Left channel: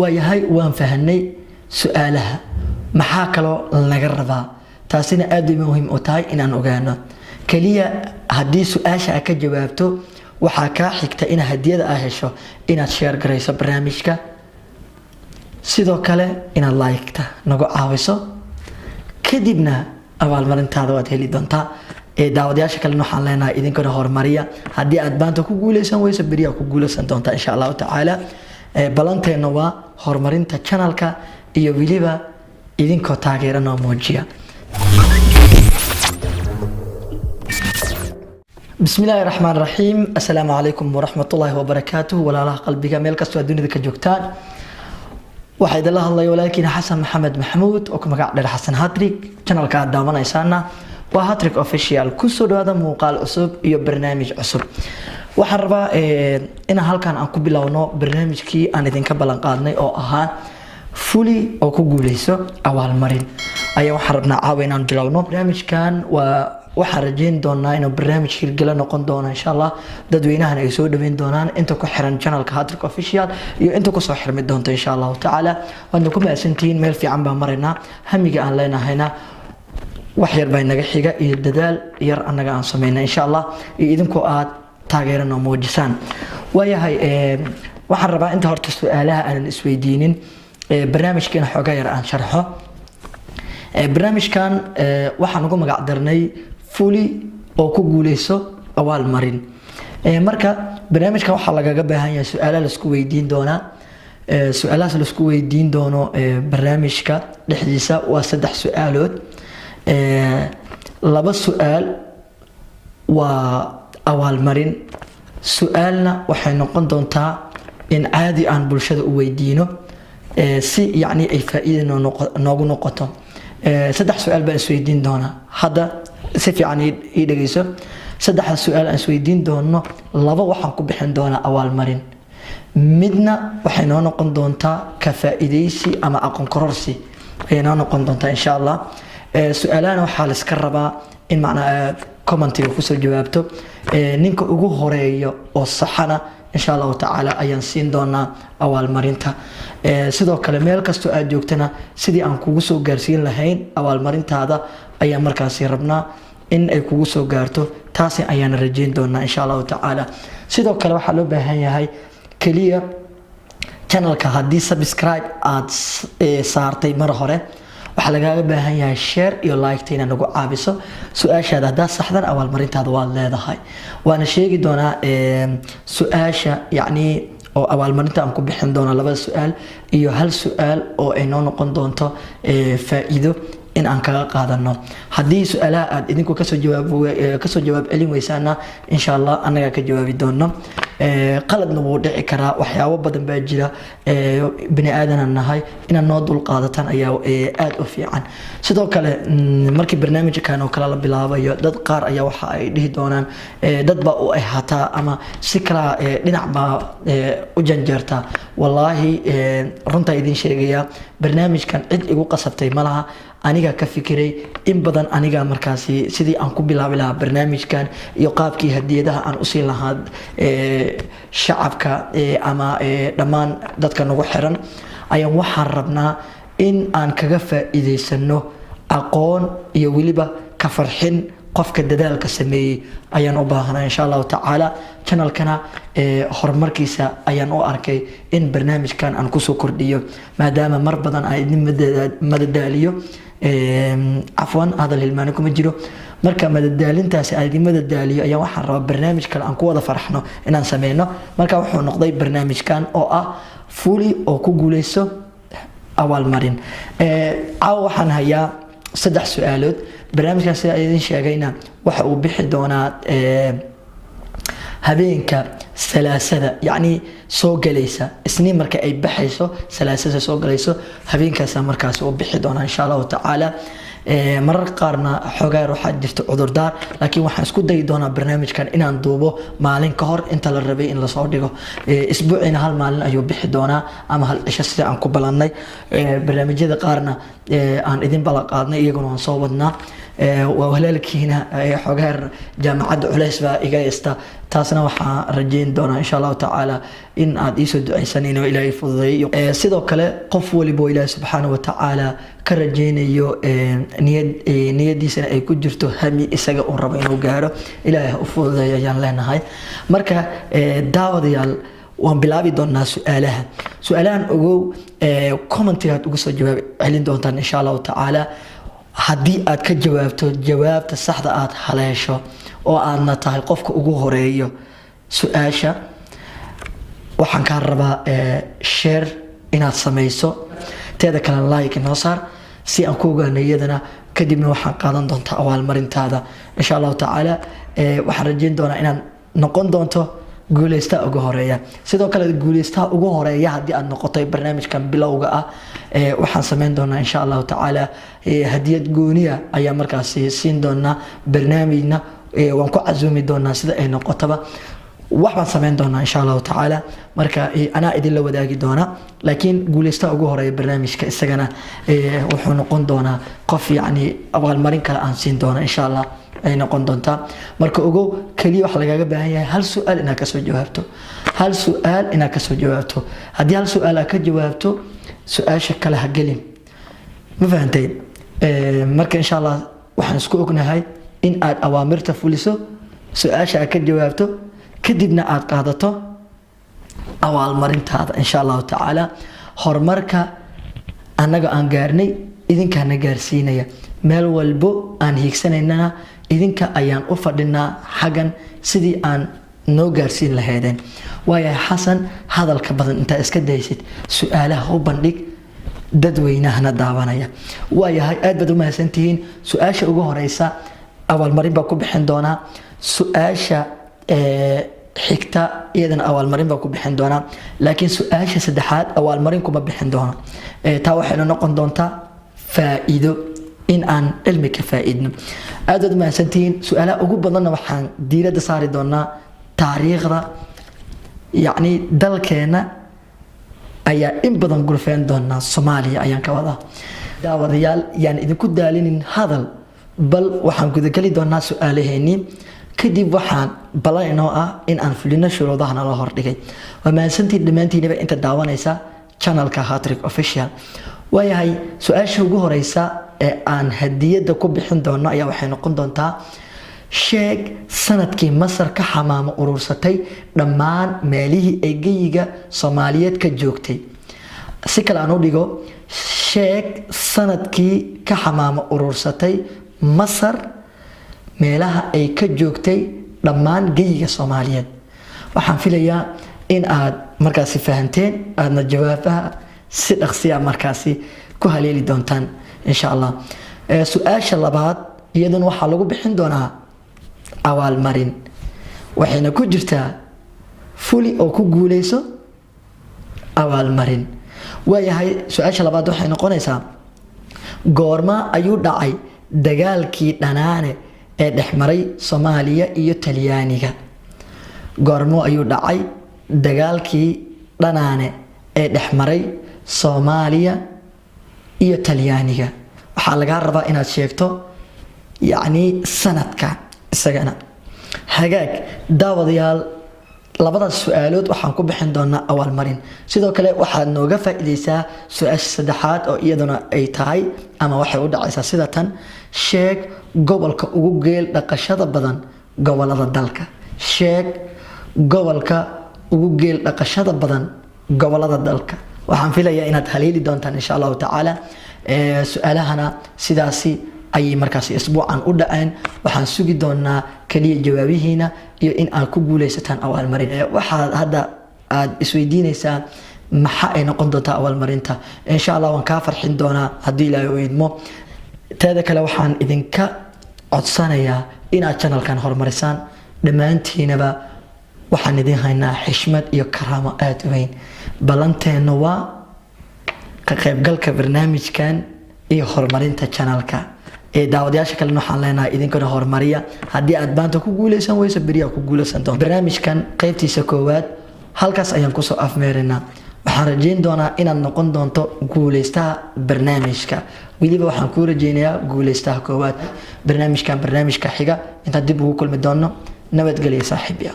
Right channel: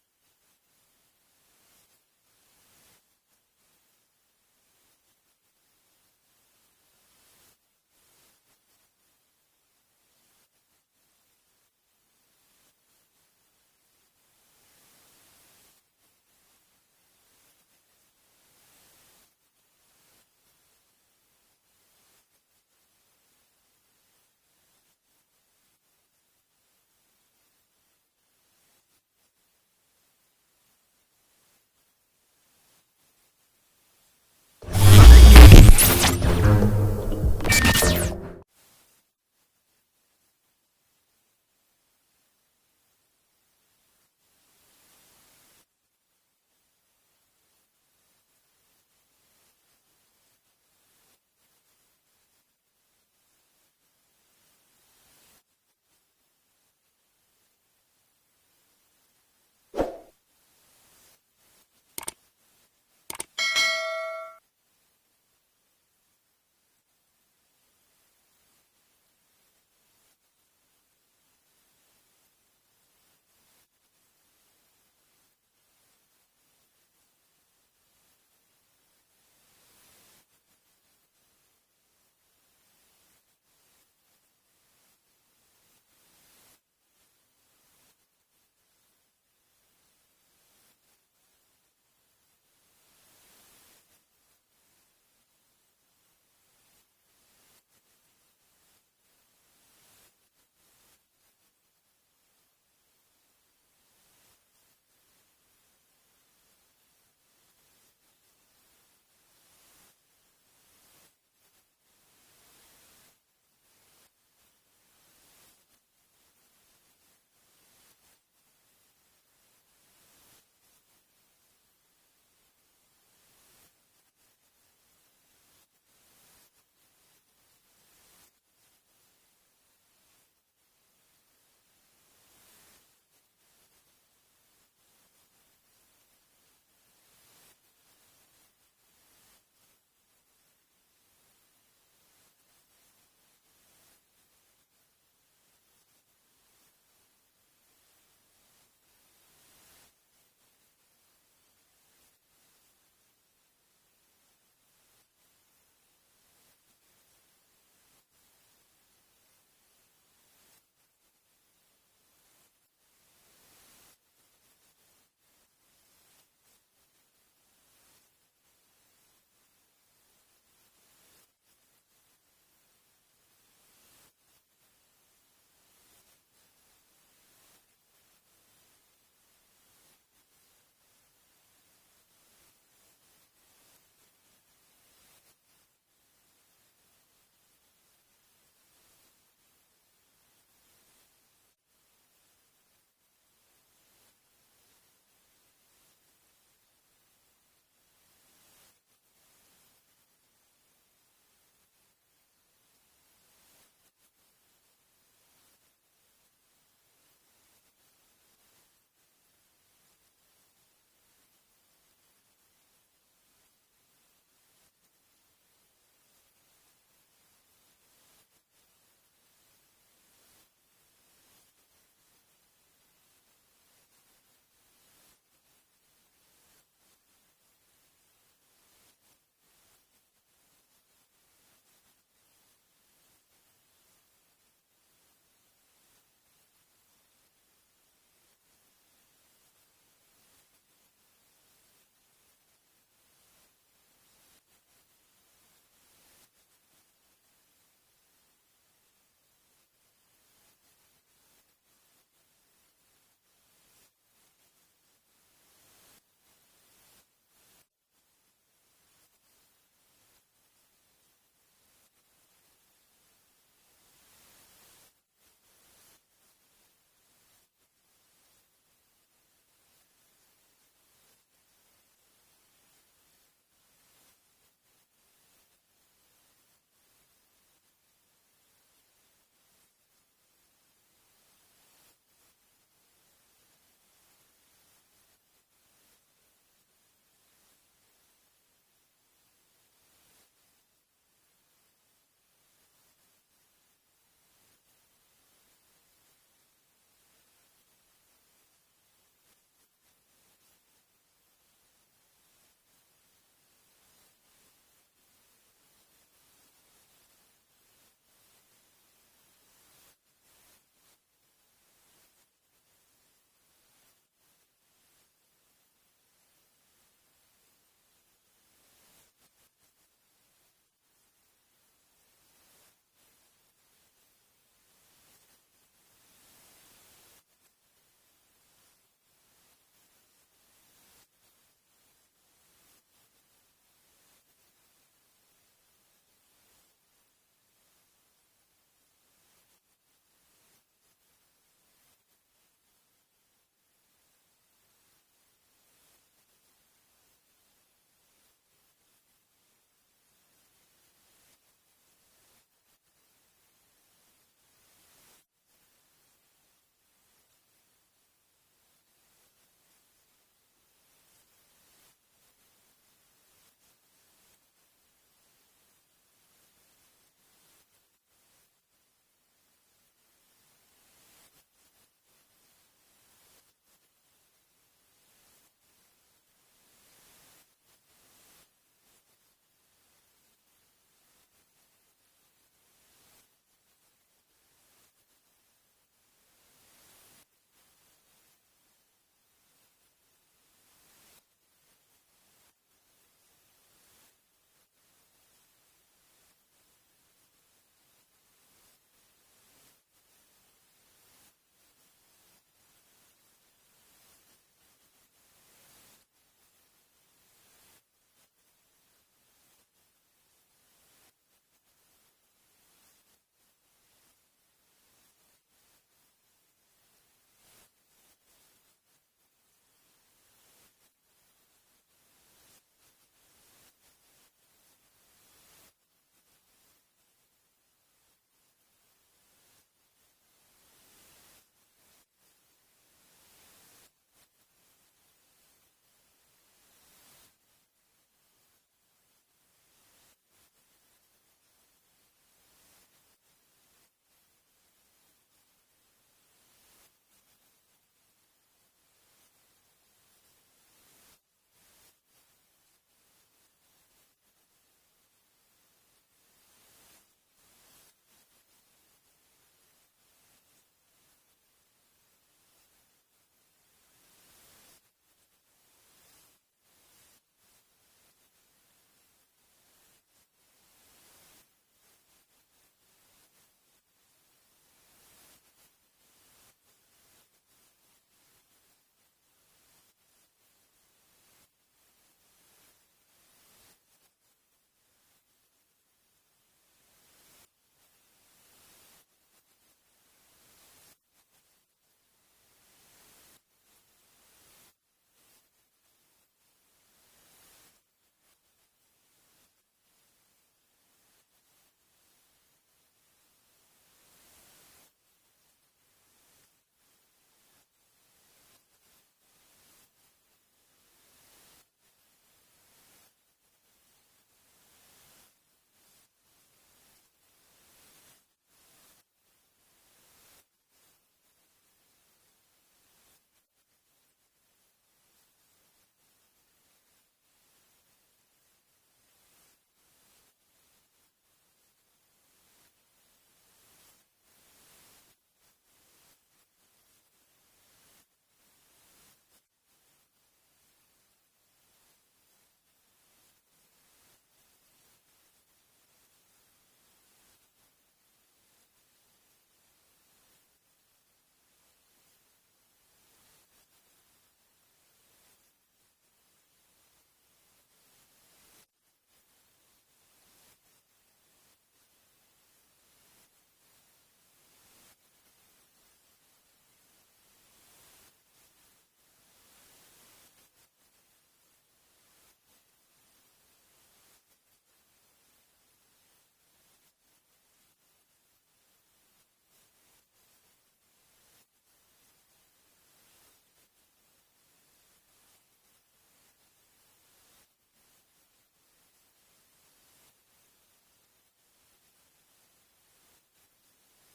waayahay waan fahanay su'aalaha maxaa kaloo laga rabaa taasina aad bay muhiim u tahay inaan ogaano kaliya haddii su'aasha aad ka jawaabto waxaa kaa xigta in hadiyada aad hesho inaad share garayso barnaamijka sidoo kale inaad like-ta nagu caawiso kadibna abaalmarintaada waad heli doontaa daawadayaasha kale waxaan leenahay idinkana horumariya haddii aad baanta ku guuleysan weyso beriyaa ku guuleysan doontaa insha allahu tacaala balanteena waa horumarinta channelka iyo weliba idinkoo taageera noo muujiya بسم الله الرحمن الرحيم السلام عليكم ورحمة الله وبركاته ولا الله قلبك ميل كستو الدنيا كجوكتان واحد الله الله ولكن حسن محمد محمود وكما قاعد حسن هاتريك channel كاد دامنا يسانا وهاتريك اوفيشال كسر هذا مقال أسب يو برنامج أسب وحربا إن هالكان أنكو بلاونو برنامج كي أنا ذين كبلان قادني أو أهان فولي أو كوجوليسو أول مرين أيوة حربنا عاوينا بلاونو برنامج كان waxaan rajeyn doonaa inuu barnaamij hirgala noqon doono insha Allah dadweynahan ay soo dhaweyn doonaan inta ku xiran channelka Hattrick Official iyo inta ku soo xirmi doonto insha Allah taala waana ku maasantiin meel fiican baa marayna hamiga aan leenahayna wax yar baa naga xiga iyo dadaal yar anaga aan sameeyna insha Allah iyo idinku aad taageerano muujisaan waayahay waxaan rabaa inta horta su'aalaha aan isweydiinin barnaamijkeena xogaa yar aan sharxo barnaamijkan waxaan ugu magac darnay fully oo ku guuleyso awaal marin marka barnaamijkan waxa lagaga baahan yahay su'aalaha la isku weydiin doona su'aalaha la isku weydiin doono barnaamijka dhexdiisa waa 3 su'aalood laba su'aal waa awaal marin su'aalna waxay noqon doontaa in caadi aan bulshada u weydiino si yani ay faa'iido noogu noqoto 3 su'aal baan isweydiin doona hadda si fiican ii dhageyso 3 su'aal aan isweydiin doono laba waxaan ku bixin doona awaal marin midna waxay noo noqon doontaa ka faa'iideysi ama aqoon kororsi ay noo noqon doontaa insha Allah su'aalahan waxa la iska rabaa in macna commentiga ku soo jawaabto ninka ugu horeeyo oo saxana insha Allah taala ayaan siin doonaa awaal marinta sidoo kale meel kasto aad joogtana sidii aan kugu soo gaarsiin lahayn awaal marintaada ayaa markaas rabnaa in ay kugu soo gaarto taasi ayaan rajeyn doonaa insha Allah taala sidoo kale waxa loo baahan yahay kaliya channelka hadii subscribe aad saartay mar hore waxa laga baahan yahay share iyo like tina nagu caabiso su'aashaada hadaa saxdan awaal marintaada waa leedahay waana sheegi doonaa su'aasha yani oo awaal marinta aan ku bixin doona laba su'aal iyo hal su'aal oo ay noo noqon doonto faa'iido in aan kaga qaadano hadii su'aalaha aad idinku ka soo jawaab celin weysaana insha Allah anaga ka jawaabi doono qaladna wuu dhici karaa waxyaabo badan baa jira bini aadan nahay in noo dul qaadatan ayaa aad u fiican sidoo kale markii barnaamijkan oo kala la bilaabayo dad qaar ayaa waxa ay dhihi doonaan dad ba u ahata ama si kala dhinac ba u janjeerta wallahi runta idin sheegaya barnaamijkan cid igu qasabtay malaha aniga ka fikiray in badan aniga markaasi sidii aan ku bilaabi lahaa barnaamijkan iyo qaabkii hadiyadaha aan u siin lahaa shacabka ama dhammaan dadka nagu xiran ayaan waxaan rabnaa in aan kaga faa'iideysano aqoon iyo weliba ka farxin qofka dadaalka sameeyay ayaan u baahanaa insha Allah taala channelkana horumarkiisa ayaan u arkay in barnaamijkan aan ku soo kordhiyo maadaama mar badan ay idin madadaaliyo عفوا هذا الهلمان كم جرو مركا مددالين تاس عادي مددالي أيام واحد رب برنامج كان أنكو هذا فرحنا إن نسمينا مركا وحنا نقضي برنامج كان أو فولي أو كوجوليسو أول مرين أو وحنا هيا 3 سؤالات برنامج كان سيدين شاقينا وحو بحدونا habeenka salaasada yani soo galaysa isniin marka ay baxayso salaasada soo galayso habeenkaas markaas oo bixi doona insha Allah taala marar qaarna xogaa waxa jirto cudurdaar laakiin waxaan isku day doonaa barnaamijkan inaan duubo maalin ka hor inta la rabay in la soo dhigo isbuucina hal maalin ayuu bixi doonaa ama hal cisho sida aan ku balannay barnaamijyada qaarna aan idin bala qaadnay iyaguna aan soo wadnaa وهلالكينا حجار جامعة عليس بقى إجازة taasna waxaan rajayn doonaa insha allahu tacaala in aad iisoo ducaysanin oo ilaahay fududeeyo sidoo kale qof waliba oo ilaahay subxaanahu wa tacaala ka rajaynayo niyadiisana ay ku jirto hami isaga uu rabo inuu gaaro ilaahay ha u fududeeyo ayaan leenahay marka daawadayaal waan bilaabi doonaa su'aalahan ogow commentigaad uga soo jawaab celin doontaan insha allahu tacaala haddii aad ka jawaabto jawaabta saxda aad haleesho oo aadna tahay qofka ugu horeeyo su-aasha waxaan kaa rabaa share inaad samayso teeda kale like inoo saar si aan ku ogaano iyadana kadibna waxaan qaadan doontaa abaalmarintaada insha allahu tacaala waxaan rajayn doonaa inaad noqon doonto guuleystaha ugu horeeya sidoo kale guuleystaha ugu horeeya haddii aad noqotay barnaamijkan bilowga ah waxaan sameyn doonaa insha allahu tacaala hadiyad gooniya ayaa markaasi siin doonaa barnaamijna waan ku casuumi doonaa sida ay noqotaba wax baan sameyn doonaa insha allahu tacaala marka anaa idinla wadaagi doonaa laakiin guuleystaha ugu horeeya barnaamijka isagana wuxuu noqon doonaa qof yacni abaalmarin kale aan siin doona insha allah ay noqon doontaa marka ogow kaliya waxa lagaaga baahan yahay hal su'aal inaad kasoo jawaabto haddii hal su'aal aad ka jawaabto su-aasha kale ha gelin ma fahantay marka insha allah waxaan isku ognahay in aad awaamirta fuliso su-aasha aad ka jawaabto kadibna aad qaadato abaalmarintaada insha allahu tacaala horumarka annaga aan gaarnay idinkaana gaarsiinaya meel walbo aan hiigsanaynana idinka ayaan u fadhinaa xaggan sidii aan noo gaarsiin lahaydeen waayahay xasan hadalka badan intaa iska daysid su-aalaha u bandhig dadweynahana daawanaya waayahay aad baad u mahadsantihiin su-aasha ugu horeysa abaalmarin baa ku bixin doonaa su-aasha xigta iyadana abaalmarin baa ku bixin doonaa laakiin su-aasha saddexaad abaalmarin kuma bixin doono taa waxayna noqon doontaa faa'iido in aan cilmi ka faa'iidno aad baad u mahadsantihiin su-aalaha ugu badanna waxaan diiradda saari doonaa taariikhda yacni dalkeena ayaa in badan gurfeen doonaa Soomaaliya ayaan ka wadaa daawadayaal yaan idinku daalinin hadal bal waxaan gudageli doonaa su-aalaheennii kadib waxaan balan inoo ah in aan fulino shuruudaha nala hordhigay waa mahadsantiin dhammaantiinaba inta daawanaysa channelka Hattrick Official waayahay su-aasha ugu horeysa ee aan hadiyada ku bixin doono ayaa waxay noqon doontaa sheeg sanadkii Masar ka xamaamo urursatay dhammaan meelihii ay geyiga Soomaaliyeed ka joogtay si kale aan u dhigo sheeg sanadkii ka xamaamo urursatay Masar meelaha ay ka joogtay dhammaan geyiga Soomaaliyeed waxaan filayaa in aad markaasi fahanteen aadna jawaabaha si dhaqsi ah markaasi ku haleeli doontaan insha Allah su-aasha labaad iyaduna waxaa lagu bixin doonaa abaalmarin waxayna ku jirtaa fuli oo ku guuleyso abaalmarin waayahay su-aasha labaad waxay noqonaysaa goorma ayuu dhacay dagaalkii Dhanaane ee dhexmaray Soomaaliya iyo Talyaaniga goormo ayuu dhacay dagaalkii Dhanaane ee dhexmaray Soomaaliya iyo Talyaaniga waxaa laga rabaa inaad sheegto yacni sanadka isagana hagaag daawadayaal labada su'aalood waxaan ku bixin doonaa abaalmarin sidoo kale waxaad nooga faa'iideysaa su-aasha saddexaad oo iyaduna ay tahay ama waxay u dhacaysaa sida tan sheeg gobolka ugu geel dhaqashada badan gobolada dalka sheeg gobolka ugu geel dhaqashada badan gobolada dalka waxaan filayaa inaad haleeli doontaan insha Allah tacaala su'aalahana sidaasi ayay markaas isbuucan u dhaceen waxaan sugi doonaa kaliya jawaabihiina iyo in aad ku guuleysataan abaalmarin waxa hadda aad isweydiinaysaa maxaa ay noqon doontaa abaalmarinta insha Allah waan ka farxin doonaa haddii Ilaahay uu idmo taada kale waxaan idinka codsanayaa inaad channelkan horumarisaan dhammaantiinaba waxaan idin haynaa xishmad iyo karaamo aad u weyn balanteena waa ka qaybgalka barnaamijkan iyo horumarinta channelka daawadayaasha kale waxaan leenahay idinkana horumariya haddii aad baanta ku guuleysan weyso beriyaa ku guuleysan doonto barnaamijkan qaybtiisa koowaad halkaas ayaan kusoo afmeerinaa waxaan rajayn doonaa inaad noqon doonto guuleystaha barnaamijka weliba waxaan kuu rajaynayaa guuleystaha koowaad barnaamijkan barnaamijka xiga intaan dib ugu kulmi doono nabadgelyo saaxiibiya